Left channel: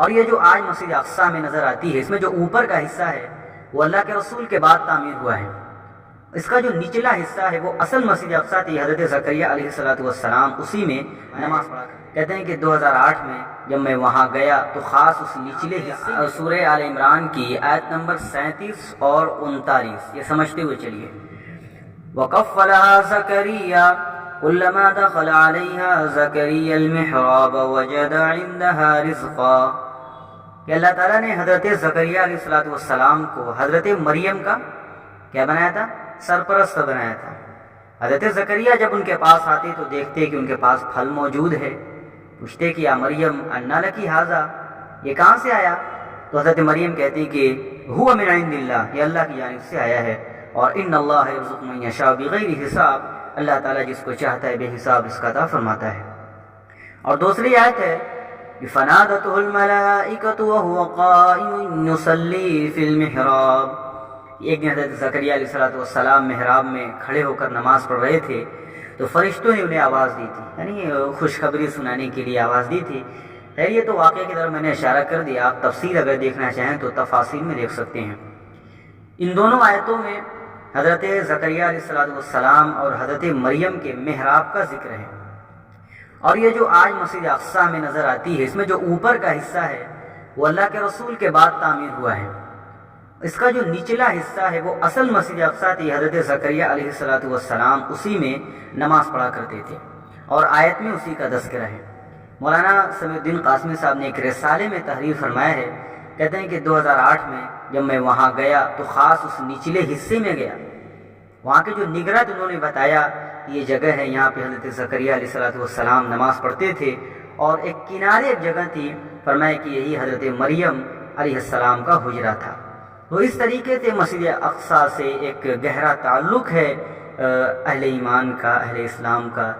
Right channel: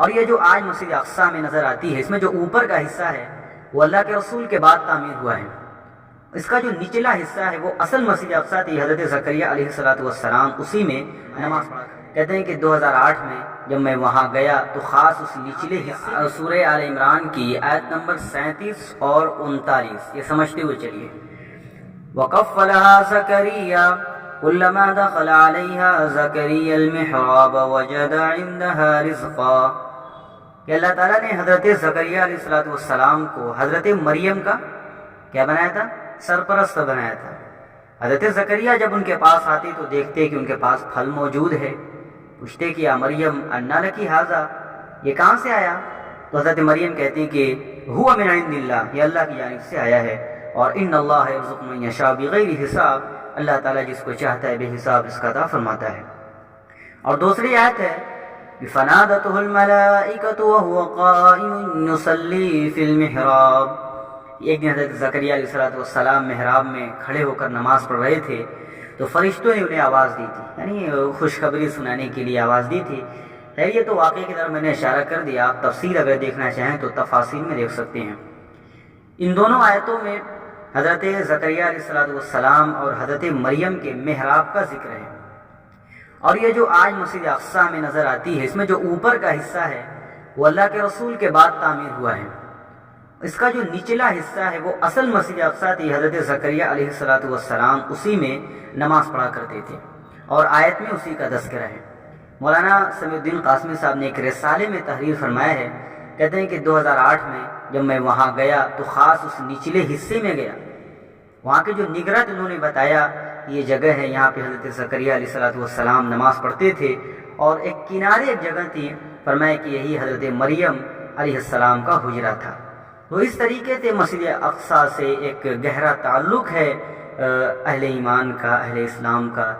اور یہ جو آج مسجد اقصی میں نظر آتی ہے، اس میں جو اوپر کا حصہ ہے وہ اللہ کے رسول کے بعد تعمیر ہوا ہے۔ اس کا جو نچلا حصہ ہے وہ اصل مسجد اقصی تھی، حضرت زکریا علیہ السلام اسی میں نماز پڑھا کرتے۔ کہتے ہیں کہ 2008 میں جب میں وہاں گیا تو خاص اس نچلے حصے سورہ آل عمران کی آیت نمبر 37 اور 39 یہ سمجھتے ہوئے چلیے۔ وَقَفَّلَهَا زَكَرِيَّا كُلَّمَا دَخَلَ عَلَيْهَا زَكَرِيَّا الْمِحْرَابَ وَجَدَ عِندَهَا رِزْقًا کہ اللہ تعالیٰ نے حضرت زکریا علیہ السلام کو حضرت مریم کا کیا بنایا تھا؟ سرپرست بنایا تھا۔ حضرت زکریا جب ان کے پاس آتے تو دیکھتے کہ ان کے پاس پھل موجود ہے، پوچھتے کہ یا مریم انا لکی ھذا، یہ کہاں سے آیا؟ تو حضرت مریم کہتی کہ ہوا من عند اللہ، یہ اللہ کی جانب سے آیا ہے، اور ان اللہ یرزق من یشاء بغیر حساب، اللہ تعالیٰ جس کو چاہتا ہے بے حساب رزق عطا فرماتا ہے۔ اور دوسری آیت ہے فنادته الملائکۃ وهو قائم یصلی فی المحراب، ایک دن حضرت زکریا علیہ السلام محراب میں کھڑے ہو کر نماز پڑھ رہے تھے تو فرشتوں نے انہیں آواز دی تھی، یعنی خوشخبری سنانے کے لیے آواز دی تھی۔ خیر یہ تو واقعے کی طرف میں نے اشارہ کر دیا، آپ تفسیر اگر دیکھنا چاہیں تو تفاصیر میں دیکھ سکتے ہیں۔ ان دونوں آیتوں میں حضرت زکریا علیہ السلام اور حضرت مریم کے محراب کا ذکر ہے۔ اور یہ جو آج مسجد اقصی میں نظر آتی ہے، اس میں جو اوپر کا حصہ ہے وہ اللہ کے رسول کے بعد تعمیر ہوا ہے۔ اس کا جو نچلا حصہ ہے وہ اصل مسجد اقصی تھی، حضرت زکریا علیہ السلام اسی میں نماز پڑھا کرتے تھے، اور آیت میں اسی کا تذکرہ ہے۔ مولانا سمیع الدین قاسمی صاحب نے ایک رسالے میں تحریر فرمایا ہے، کہتے ہیں کہ 2008 میں جب میں وہاں گیا تو خاص اس نچلے حصے میں گیا، وہاں کے جو نگرت انہوں نے بتایا یہ جگہ ہے، یہاں پہ حضرت زکریا علیہ السلام نماز پڑھتے تھے، اور ایک کنارے ایک جگہ تھی، فرمایا کہ یہی حضرت مریم علیہ السلام کا حجرہ تھا۔ تو اس طریقے سے مسجد اقصی سے ایک گہرا تعلق ہے اہل ایمان کا، اہل اسلام کا۔